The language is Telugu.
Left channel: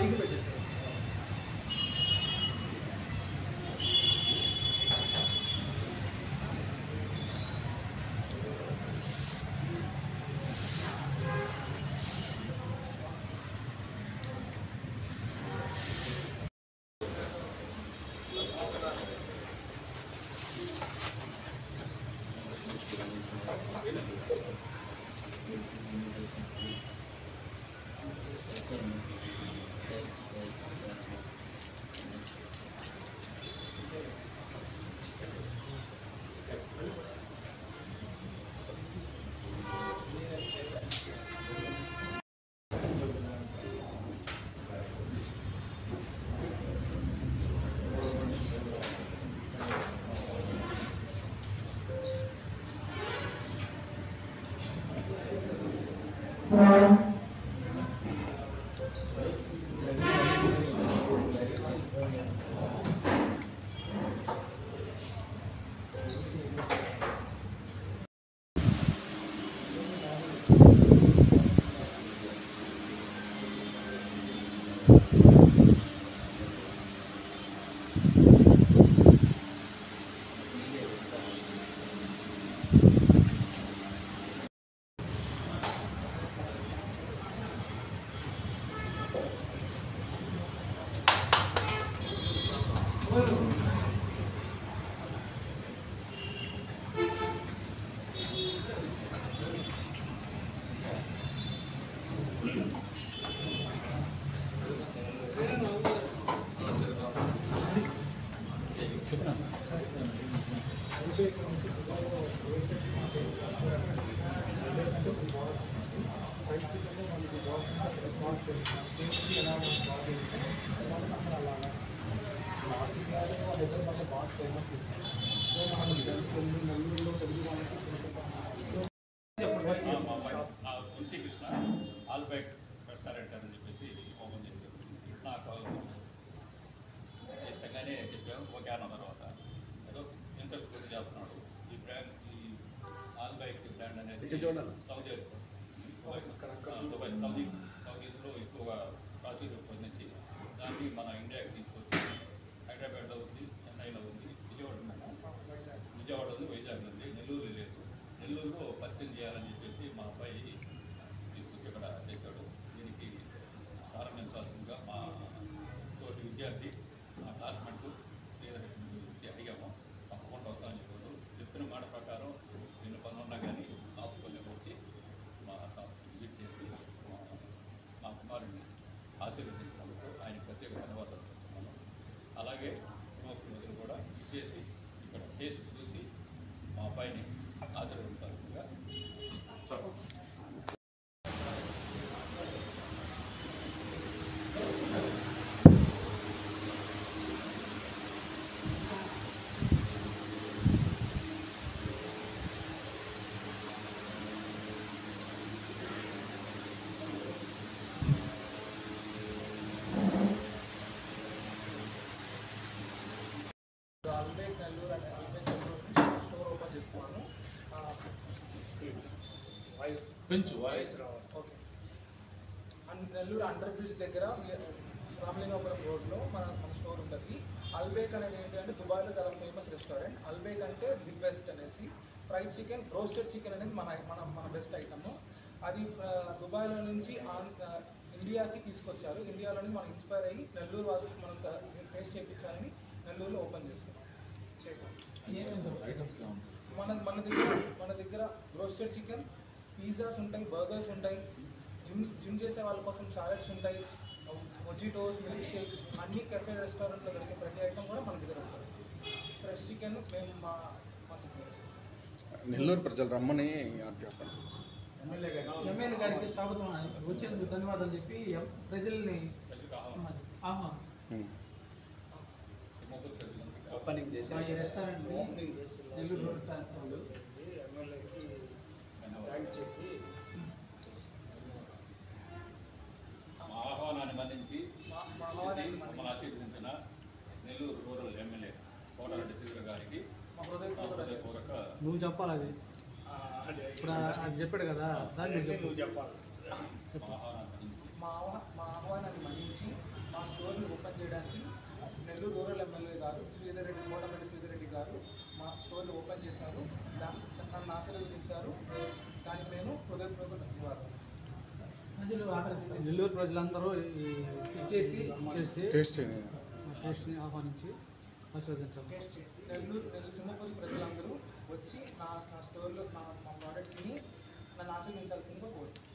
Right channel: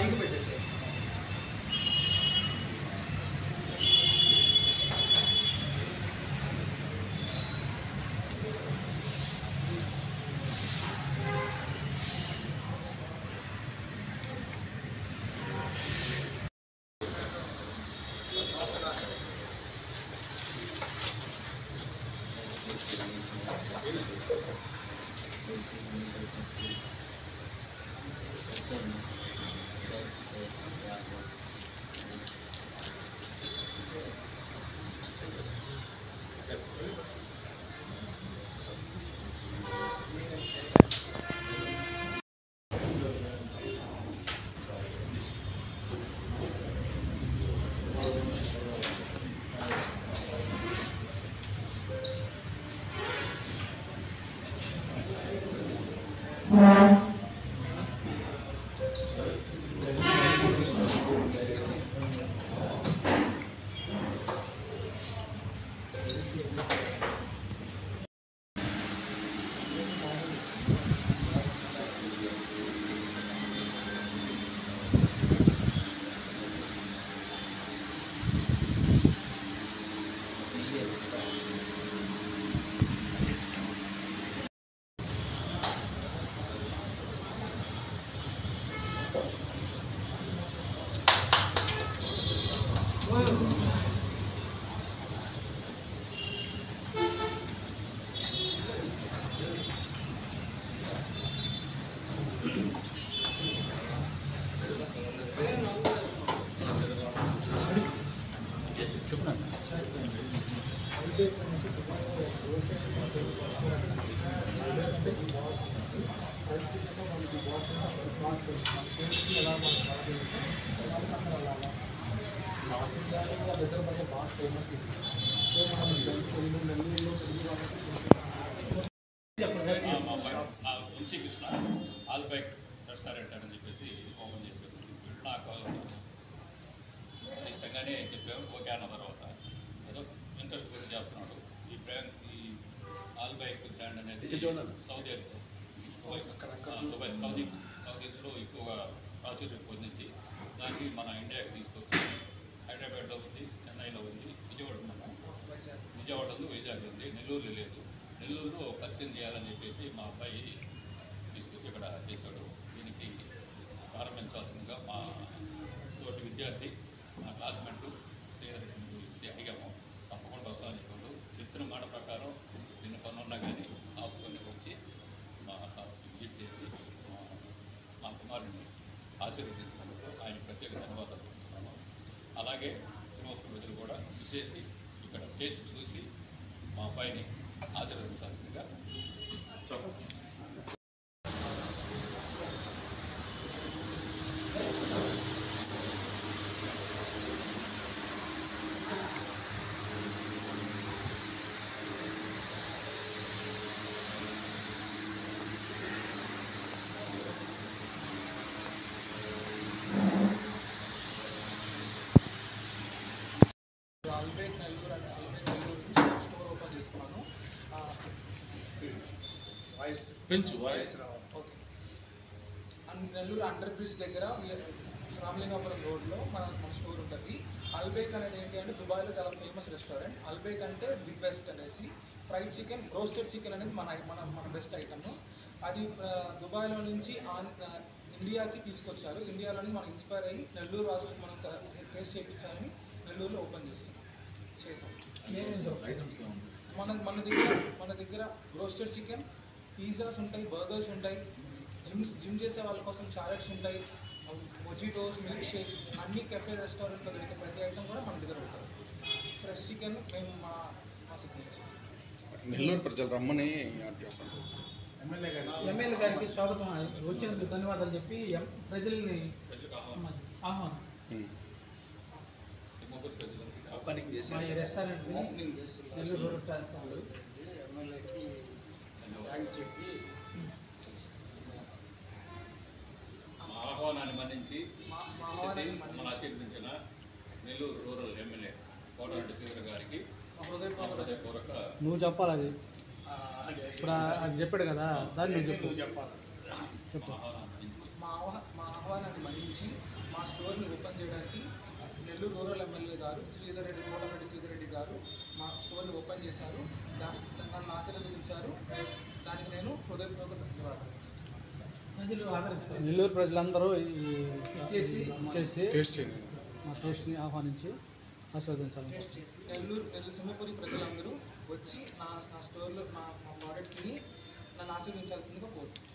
పైకి పెట్టేసి వంశీకృష్ణ ఆల్బైక్ రెస్టారెంట్ అని చెప్పేసి ఓపెన్ చేశారు. నాకు ఇష్టంగానే చెప్పాము, ఓకే అన్న తర్వాత ఏదో ఇంట్రెస్ట్ కొద్ది చేస్తున్నాడు. ఈ బ్రాండ్, ఈ ఆల్బైక్ బ్రాండ్ అనేది సౌదీ దుబాయ్ సౌదీస్లో ఎక్కువగా ప్రాచుర్యం పొందించి దాన్ని మన ఇండియాకి తీసుకొచ్చి హైదరాబాద్లో ఉంది, చెన్నైలో ఉంది, విజయవాడ ఉంది, వైజాగ్లో ఉంది, నెల్లూరులో లేదు. నెల్లూరులో పరిచయం చేయాలని చెప్పేసి మా అబ్బాయి తీసుకొచ్చి ఇక్కడ చేశాడు. దీనికి ప్రారంభించాల్సిందిగా మా తోటి విద్యార్థి, మా క్లాస్మేట్ శ్రీధర్ రెడ్డి అడిగాము. తప్పకుండా వస్తామని చెప్పాడు. చెప్పిన మాట ప్రకారం ఎన్ని పనులు ఉన్నా కానీ ఆపుకొని వచ్చి మా విజిట్ చేసి మా కుమారుడిని ఆశీర్వదించినందుకు ఆయనకు ప్రత్యేక ధన్యవాదాలు చెప్తున్నాను. అలాగే సినిమా ప్రజలు కూడా విచ్చేసి ఇక్కడ టేస్ట్ చూసి మా అబ్బాయిని ఆశీర్వదించాల్సిందిగా ఆల్బైక్ నెల్లూరు నుంచి స్టోర్ ఓపెన్ చేస్తున్నాను. ఓకే. నెల్లూరు అండర్ బ్రిడ్జ్ దగ్గర రామలింగాపురం రోడ్లో మన స్టోర్ ఉంటుంది. అల్బేక్ అనేది ఏంటి అంటే దుబాయ్లో చాలా ఫేమస్ రెస్టారెంట్. అల్బేక్ అంటే ది బెస్ట్ అనేసి. ఫ్రైడ్ చికెన్, రోస్టెడ్ చికెన్ అనేది మన బెస్ట్ ఐటమ్. అది దుబాయ్లో నుంచి ఇండియాకి తీసుకొచ్చారు. ఇండియాలో నుంచి మనం ఇన్స్పైర్ అయ్యి నెల్లూరు వాసులకు మనం టేస్ట్ చేయించాలని నెల్లూరులో ఓపెన్ చేసాం. మన దగ్గర రోస్టెడ్ చికెన్, పిజ్జాస్ ఉంటాయి, బర్గర్స్ ఉంటాయి, జిమ్ చేసే వాళ్ళ కోసం సాలెడ్స్ ఉంటాయి, మొజిటోస్, మిల్క్ షేక్స్, అన్ని కెఫే రెస్టారెంట్లో దొరికే ప్రతి ఐటమ్ కూడా మన దగ్గర ఉంటుంది. ఫ్రెష్ చికెన్ మేము మా సిగ్నేచర్. నెల్లూరు ప్రజలు రమ్మని చెప్పండి. ఎమ్మెల్యే గారికి స్వాగతం, వచ్చినందుకు ధన్యవాదాలు చెప్పి ప్రజల్ని ఆహ్వానం. ఓపెనింగ్ చేసి రెస్టారెంట్ నెల్లూరు రెస్టారెంట్స్ వాళ్ళు ఎమ్మెల్యేకి థ్యాంక్స్ చెప్పి ఆహ్వానాన్ని మన్నించి మమ్మల్ని ఆశీర్వదించిన నెల్లూరు రూరల్ ఎమ్మెల్యే కోటరెడ్డి శ్రీధర్ గారికి హృదయపూర్వక. నువ్వు చెప్పాలి అది ఇప్పుడు ఆయన చెప్పాడు కదా, దాన్ని నువ్వు చెప్పాలి. ఆహ్వానాన్ని మన్నించి మా ఆహ్వానాన్ని మన్నించి మా స్టోర్ని ఓపెన్ చేయడానికి నెల్లూరు రూరల్ ఎమ్మెల్యే గారు కోటమిరెడ్డి శ్రీధర్ రెడ్డి గారు మా స్టోర్ని ఓపెన్ చేశారు. నన్ను ఆశీర్వదించారు. దానికి నేను హృదయపూర్వక ధన్యవాదాలు. నెల్లూరు ప్రజలందరూ టేస్ట్ మా టేస్ట్ని ఆహ్వానించి ఆస్వాదించాలి. నెల్లూరు సింహపురి ప్రజలందరూ వచ్చి నా స్టోర్లో నా ప్రోడక్ట్ని నన్ను ఆశీర్వదించాల్సిందిగా కోరుతున్నాను.